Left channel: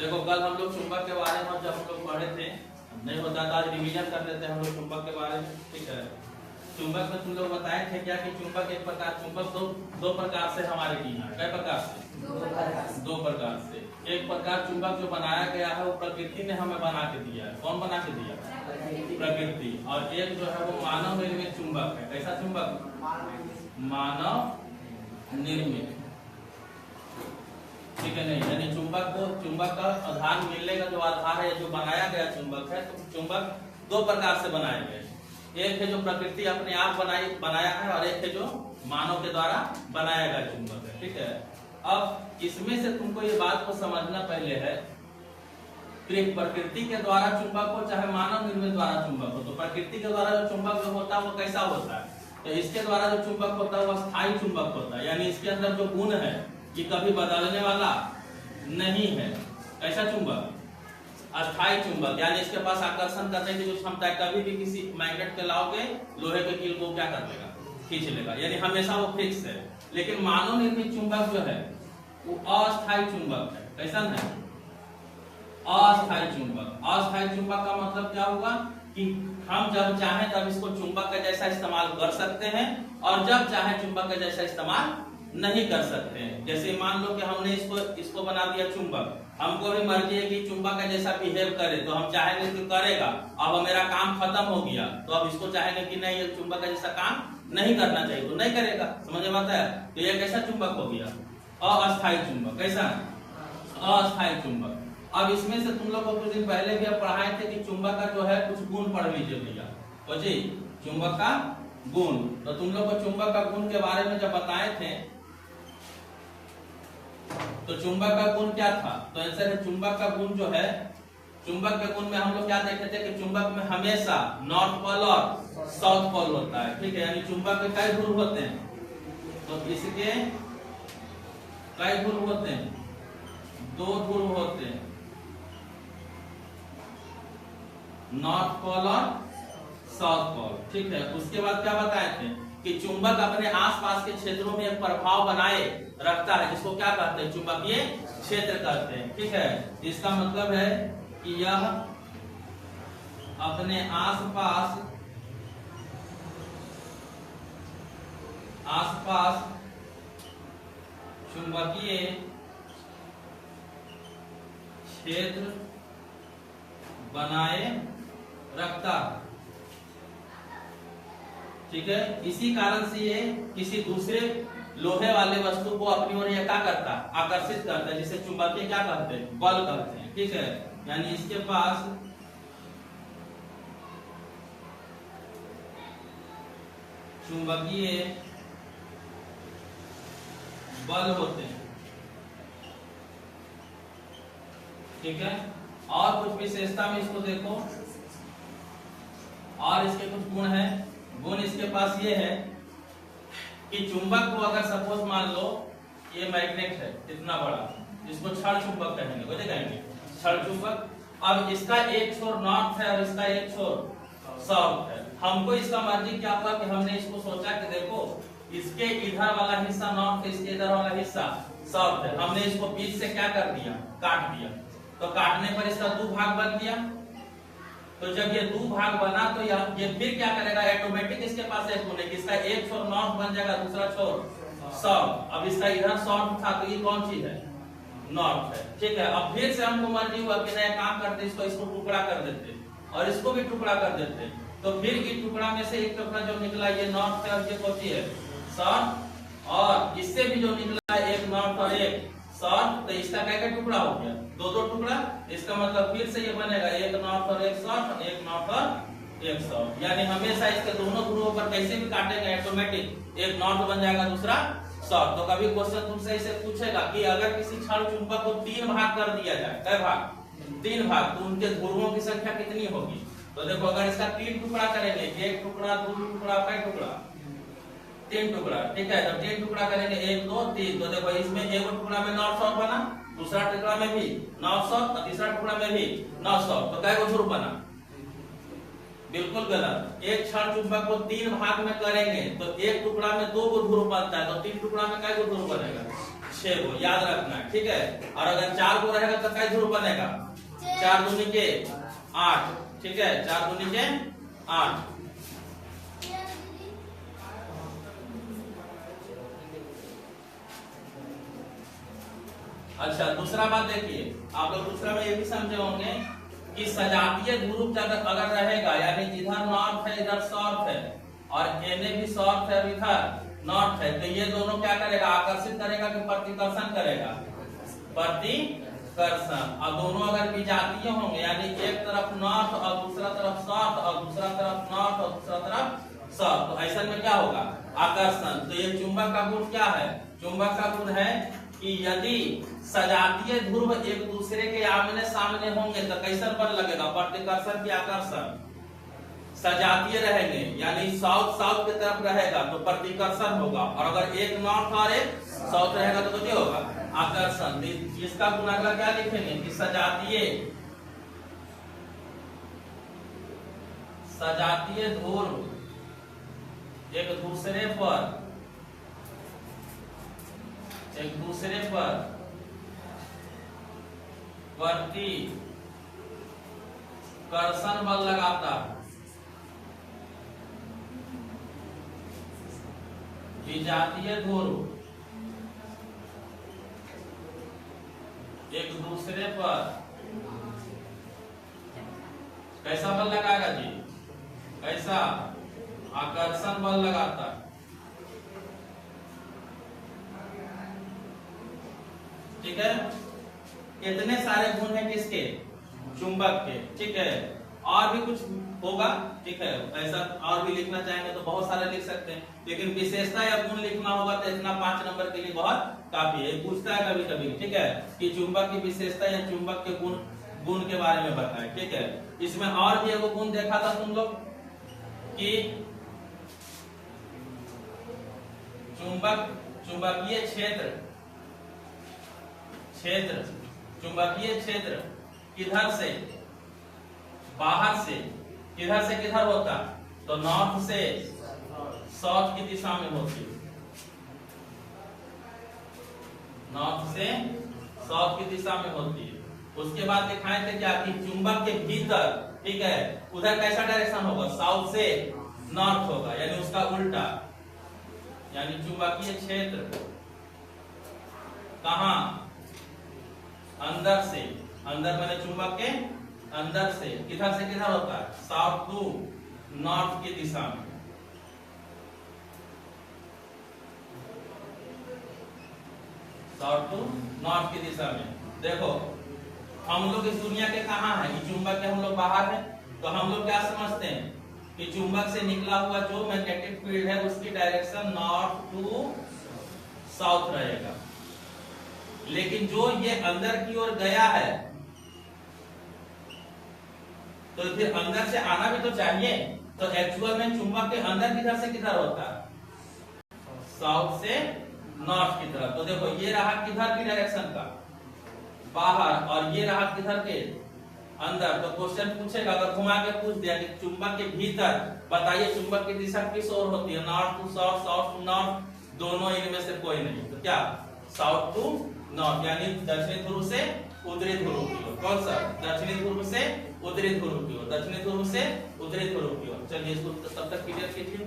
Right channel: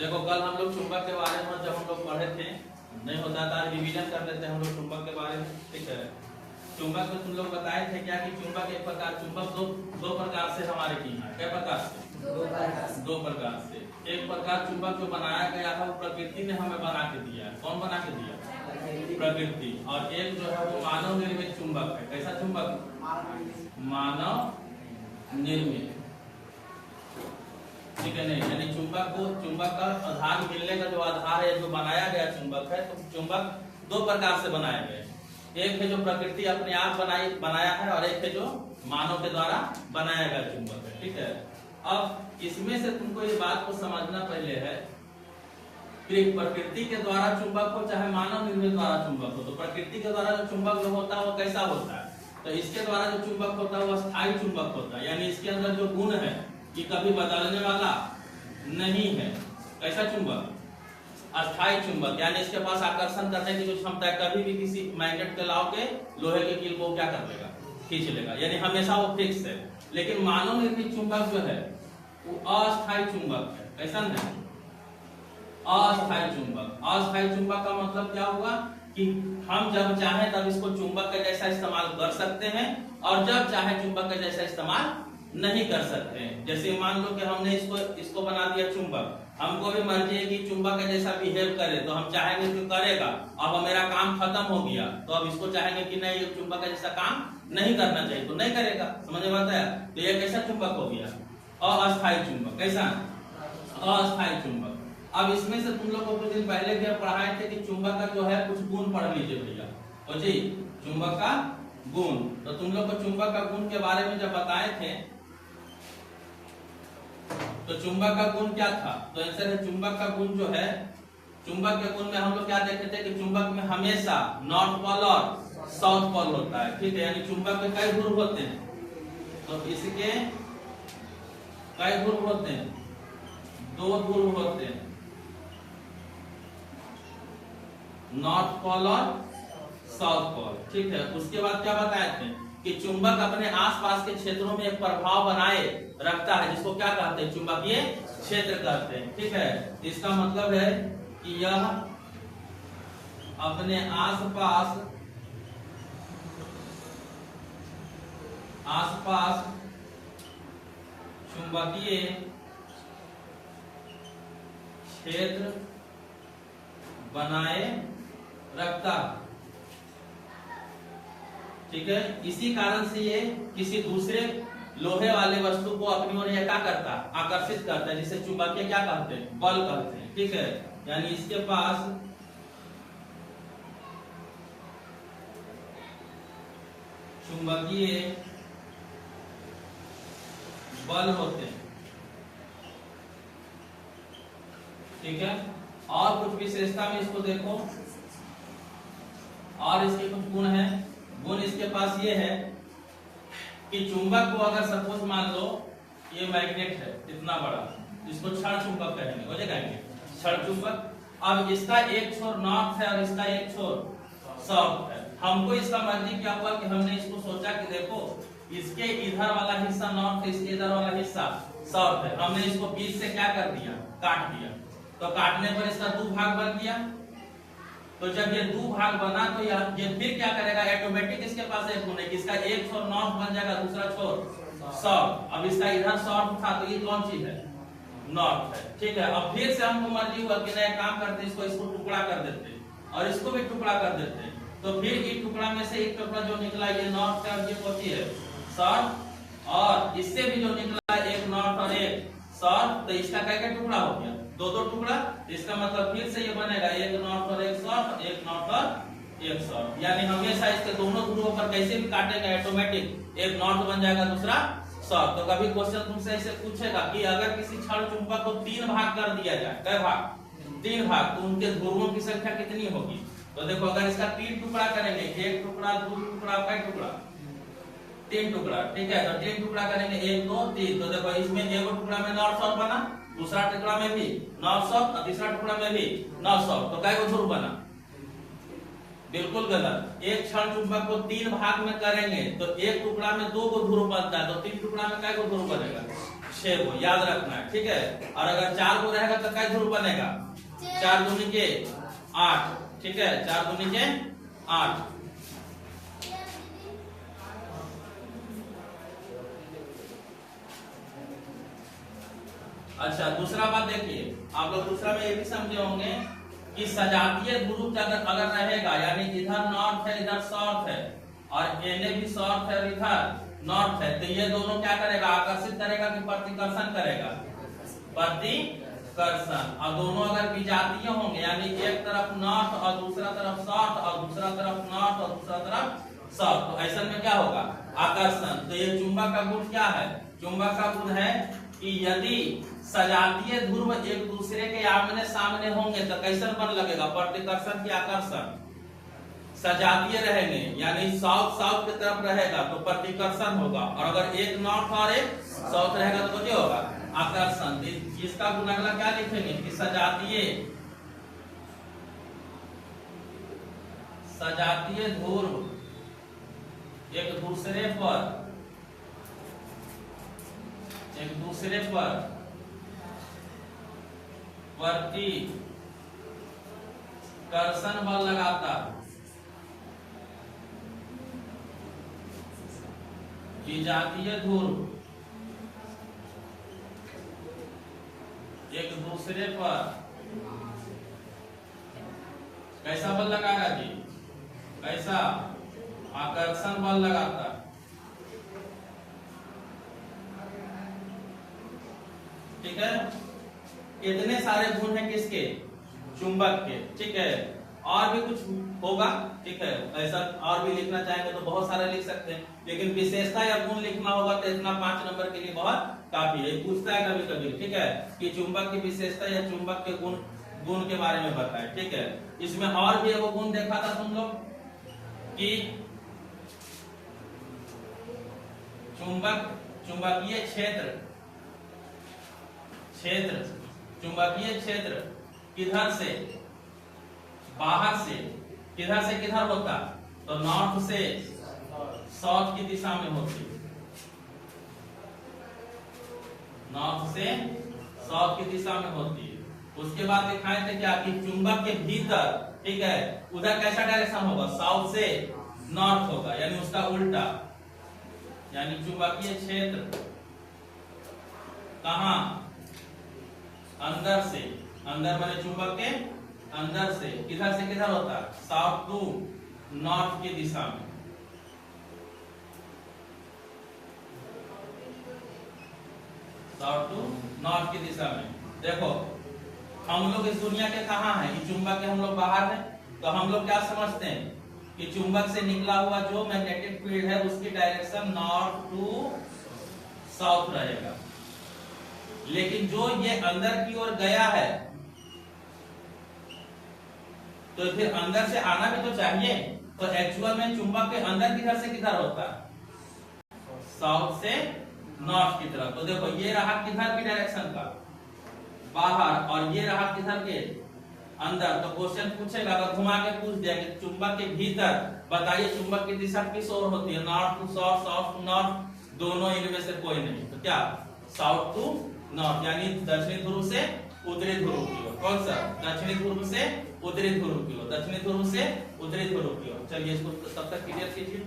देखो कल हम लोग चुंबक के बारे में जब हम लोग पढ़े थे, नहीं होता था रिवीजन कर लेते हैं हम लोग चुंबक के बारे में। ठीक है, चुंबक में तुम लोग बताए थे क्या कि चुंबक एक प्रकार, चुंबक दो प्रकार से हमारे की है। क्या प्रकार से? दो प्रकार से। एक प्रकार चुंबक जो बनाया गया है वो प्रकृति ने हमें बना के दिया है। कौन बना के दिया? प्रकृति। और एक जो है वो मानव निर्मित चुंबक है। कैसा चुंबक? मानव निर्मित। ठीक है, नहीं यानी चुंबक का आधार मिलने का जो आधार है, जो बनाया गया चुंबक है, तो चुंबक दो प्रकार से बनाए गए। एक है जो प्रकृति अपने आप बनाया है और एक है जो मानव के द्वारा बनाया गया चुंबक है। ठीक है, अब इसमें से तुमको ये बात को समझना पहले है कि प्रकृति के द्वारा चुंबक हो चाहे मानव निर्मित द्वारा चुंबक हो, तो प्रकृति के द्वारा जो चुंबक जो होता है वो कैसा होता है? तो इसके द्वारा जो चुंबक होता है वो स्थायी चुंबक होता है, यानी इसके अंदर जो गुण है कि कभी बदलने वाला नहीं है। ऐसा चुंबक अस्थायी चुंबक, यानी इसके पास आकर्षण करने की जो क्षमता है। कभी भी किसी मैग्नेट के लाओगे लोहे के कील को क्या कर लेगा? खींच लेगा, यानी हमेशा वो फिक्स है। लेकिन मानव निर्मित चुंबक जो है वो अस्थायी चुंबक है। कैसा नहीं? अस्थायी चुंबक। अस्थायी चुंबक का मतलब क्या होगा कि हम जब चाहें तब इसको चुंबक का जैसा इस्तेमाल कर सकते हैं और जब चाहे चुंबक का जैसा इस्तेमाल नहीं कर सकते हैं। जैसे मान लो कि हमने इसको बना दिया चुंबक, हमको भी मर्जी है कि चुंबक का जैसा बिहेव करे, तो हम चाहेंगे कि करेगा। अब मेरा काम खत्म हो गया तो अब इसको चाहेंगे कि नहीं, ये चुंबक का जैसा काम नहीं करना चाहिए, तो नहीं करेगा। समझ में आता है? तो ये कैसा चुंबक हो गया? अस्थायी चुंबक। कैसा? अस्थायी चुंबक। अब इसमें से तुम लोग को कुछ दिन पहले भी पढ़ाए थे कि चुंबक का जो है कुछ गुण पढ़ लीजिए भैया। जी, चुंबक का गुण। तो तुम लोग को चुंबक का गुण के बारे में जब बताए थे तो चुंबक का गुण क्या था? तो आंसर है चुंबक का गुण जो है, चुंबक के गुण में हम लोग क्या देखते थे कि चुंबक में हमेशा नॉर्थ पोल और साउथ पोल होता है। ठीक है, यानी चुंबक के कई ध्रुव होते हैं, तो इसके कई ध्रुव होते हैं? दो ध्रुव होते हैं, नॉर्थ पोल और साउथ पोल। ठीक है, उसके बाद क्या बताए थे कि चुंबक अपने आसपास के क्षेत्रों में एक प्रभाव बनाए रखता है, जिसको क्या कहते हैं? चुंबकीय क्षेत्र कहते हैं। ठीक है, इसका मतलब है कि यह अपने आसपास चुंबकीय क्षेत्र बनाए रखता है। ठीक है, इसी कारण से ये किसी दूसरे लोहे वाले वस्तु को अपनी ओर क्या करता है? आकर्षित करता है, जिसे चुंबकीय क्या कहते हैं? बल कहते हैं। ठीक है, यानी इसके पास चुंबकीय बल होते हैं। ठीक है, और कुछ विशेषता में इसको देखो, और इसके कुछ गुण है। गुण इसके पास ये है कि चुंबक को अगर सपोज मान लो ये मैग्नेट है इतना बड़ा, इसको क्षण चुंबक कहेंगे, बोले कहेंगे क्षण चुंबक। अब इसका एक छोर नॉर्थ है और इसका एक छोर साउथ है। हमको इसका मर्जी क्या हुआ कि हमने इसको सोचा कि देखो इसके इधर वाला हिस्सा नॉर्थ है, इसके इधर वाला हिस्सा साउथ है। हमने इसको बीच से क्या कर दिया? काट दिया। तो काटने पर इसका दो भाग बन गया। तो जब ये दो भाग बना तो ये फिर क्या करेगा? ऑटोमेटिक इसके पास एक होने की, इसका एक छोर नॉर्थ बन जाएगा, दूसरा छोर साउथ। अब इसका इधर साउथ था तो ये कौन चीज है? नॉर्थ है। ठीक है, अब फिर से हमको मर्जी हुआ कि नया काम करते, इसको टुकड़ा कर देते और इसको भी टुकड़ा कर देते। तो फिर इस टुकड़ा में से एक टुकड़ा जो निकला ये नॉर्थ है और ये कौन सी है? साउथ। और इससे भी जो निकला एक नॉर्थ और एक साउथ, तो इसका क्या टुकड़ा हो गया? दो टुकड़ा। इसका मतलब फिर से ये बनेगा एक नॉर्थ और एक साउथ, एक नॉर्थ और एक साउथ। यानी हमेशा इसके दोनों ध्रुवों पर कैसे भी काटेंगे ऑटोमेटिक एक नॉर्थ बन जाएगा, दूसरा साउथ। तो कभी क्वेश्चन तुमसे ऐसे पूछेगा कि अगर किसी क्षण चुंबक को 3 भाग कर दिया जाए, कै भाग? 3 भाग, तो उनके ध्रुवों की संख्या कितनी होगी? तो देखो अगर इसका 3 टुकड़ा करेंगे, एक टुकड़ा, दो टुकड़ा, कै टुकड़ा? 3 टुकड़ा। ठीक है, तो 3 टुकड़ा करेंगे, 1 2 3। तो देखो इसमें एक टुकड़ा में नॉर्थ साउथ बना, दूसरा टुकड़ा में भी नॉर्थ साउथ और तीसरा टुकड़ा में भी नॉर्थ साउथ। तो कै गो ध्रुव बना? बिल्कुल गलत। एक क्षण चुंबक को 3 भाग में करेंगे तो एक टुकड़ा में 2 गो ध्रुव बनता है, तो 3 टुकड़ा में कै गो ध्रुव बनेगा? 6 गो, याद रखना है, ठीक है। और अगर 4 गो रहेगा तो कै ध्रुव बनेगा? 4 दूनी के 8, ठीक है, 4 दूनी के 8। अच्छा, दूसरा बात देखिए, आप लोग दूसरा में ये भी समझे होंगे कि सजातीय ध्रुव अगर रहेगा, यानी इधर नॉर्थ है इधर साउथ है और एने भी साउथ है और इधर नॉर्थ है, तो ये दोनों क्या करेगा? आकर्षित करेगा कि प्रतिकर्षण करेगा? प्रतिकर्षण। और दोनों अगर विजातीय होंगे, यानी एक तरफ नॉर्थ और दूसरा तरफ साउथ और दूसरा तरफ नॉर्थ और दूसरा तरफ साउथ, तो ऐसा में क्या होगा? आकर्षण। तो ये चुंबक का गुण क्या है? चुंबक का गुण है कि यदि सजातीय ध्रुव एक दूसरे के आमने सामने होंगे तो कैसन बल लगेगा? प्रतिकर्षण की आकर्षण। सजातीय रहेंगे यानी साउथ साउथ की तरफ रहेगा तो प्रतिकर्षण होगा, और अगर एक नॉर्थ और एक साउथ रहेगा तो क्या होगा? आकर्षण। इसका गुण अगला क्या लिखेंगे कि सजातीय ध्रुव एक दूसरे पर प्रतिकर्षण बल लगाता है। विजातीय ध्रुव एक दूसरे पर कैसा बल लगाएगा जी? कैसा? आकर्षण बल लगाता है, ठीक है। कितने सारे गुण हैं किसके? चुंबक के, ठीक है। और भी कुछ होगा, ठीक है, ऐसा और भी लिखना चाहेंगे तो बहुत सारे लिख सकते हैं, लेकिन विशेषता या गुण लिखना होगा तो इतना 5 नंबर के लिए बहुत काफी है। पूछता है कभी कभी, ठीक है, कि चुंबक की विशेषता या चुंबक के गुण के बारे में बताएं, ठीक है। इसमें और भी एक गुण देखा था तुम लोग कि चुंबकीय क्षेत्र किधर से? बाहर से। किधर से किधर होता? तो नॉर्थ से साउथ की दिशा में होती है। नॉर्थ से साउथ की दिशा में होती है। उसके बाद दिखाए थे क्या कि चुंबक के भीतर, ठीक है, उधर कैसा डायरेक्शन होगा? साउथ से नॉर्थ होगा, यानी उसका उल्टा। यानी चुंबकीय क्षेत्र कहां? अंदर से। अंदर माने चुंबक के अंदर से। किधर से किधर होता है? साउथ टू नॉर्थ की दिशा में। साउथ टू नॉर्थ की दिशा में। देखो, हम लोग इस दुनिया के कहां है? कि चुंबक के हम लोग बाहर है, तो हम लोग क्या समझते हैं कि चुंबक से निकला हुआ जो मैग्नेटिक फील्ड है उसकी डायरेक्शन नॉर्थ टू साउथ रहेगा। लेकिन जो ये अंदर की ओर गया है तो फिर अंदर से आना भी तो चाहिए। तो एक्चुअल में चुंबक के अंदर किधर से किधर होता है? साउथ से नॉर्थ की तरफ। तो देखो, ये रहा किधर की डायरेक्शन का? बाहर। और ये रहा किधर के? अंदर। तो क्वेश्चन पूछेगा, अगर घुमा के पूछ दिया कि चुंबक के भीतर बताइए चुंबक की दिशा किस ओर होती है? North to south, south to north, दोनों इनमें से कोई नहीं। तो क्या? साउथ टू नॉर्थ, यानी दक्षिणी ध्रुव से उत्तरी ध्रुव की ओर। कौन सा? दक्षिणी ध्रुव से उत्तरी ध्रुव की ओर। दक्षिणी ध्रुव से उत्तरी ध्रुव की ओर। चलिए इसको तब तक क्लियर कीजिए।